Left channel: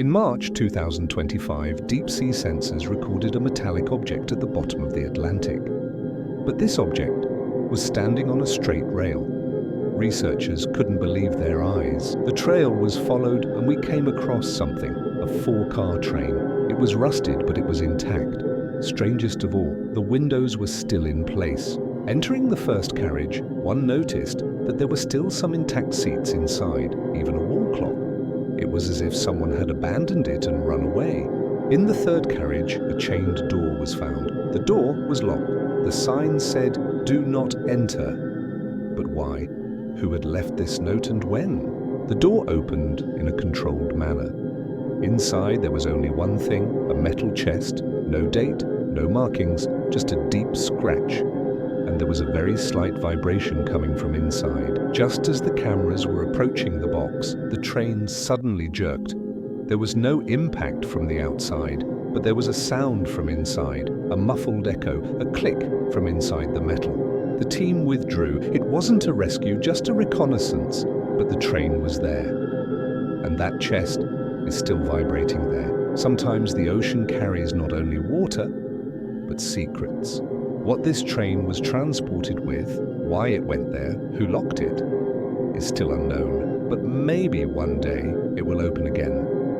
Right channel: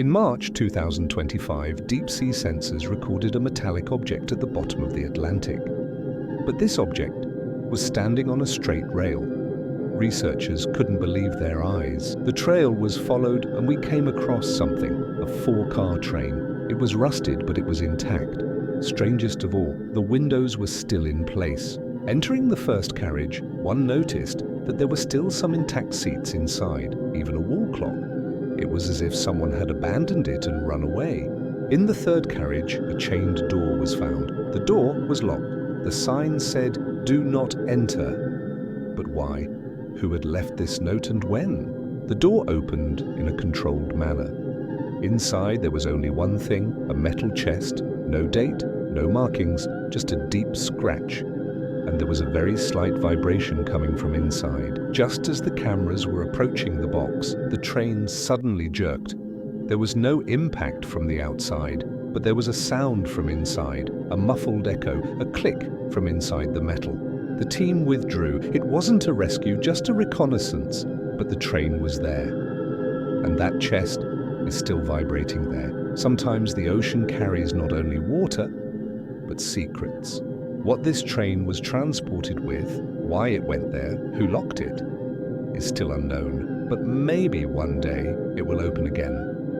In March 2025, deep-sea sensors recorded a metallic object at the bottom of the Atlantic. But this object was standing on a straight rail. Researchers couldn't believe their eyes. The trail was followed and we came across something, a 4-car train. It was rusted, but it was intact. Strangest of all, the windows were still in place. Entering the first carriage, one noticed that there were still some intact seats inside, even a wall clock. It was as if someone had abandoned it and run away. In the third carriage, a chained door was found. The door was locked. The sign said, "Do not enter." But why? Who had left this note and when? The door opened in a controlled manner. Inside there was only one thing, a metal chest, no date, no markings, just a deep scratch. And there was a very slight vibration coming from inside. Just as the cameras were approaching the box, the train suddenly jerked. There was no impact from the outside, but there was a sound from inside, a muffled echo, a click from inside the metal. The team withdrew. It wasn't a rescue, just a reconnaissance, but the train was there. And that chest is still vibrating there. Sometimes the ocean carries not only water, but secrets. What this train was transported with, why it went there, who locked it, is still unknown. But maybe one day it will open again.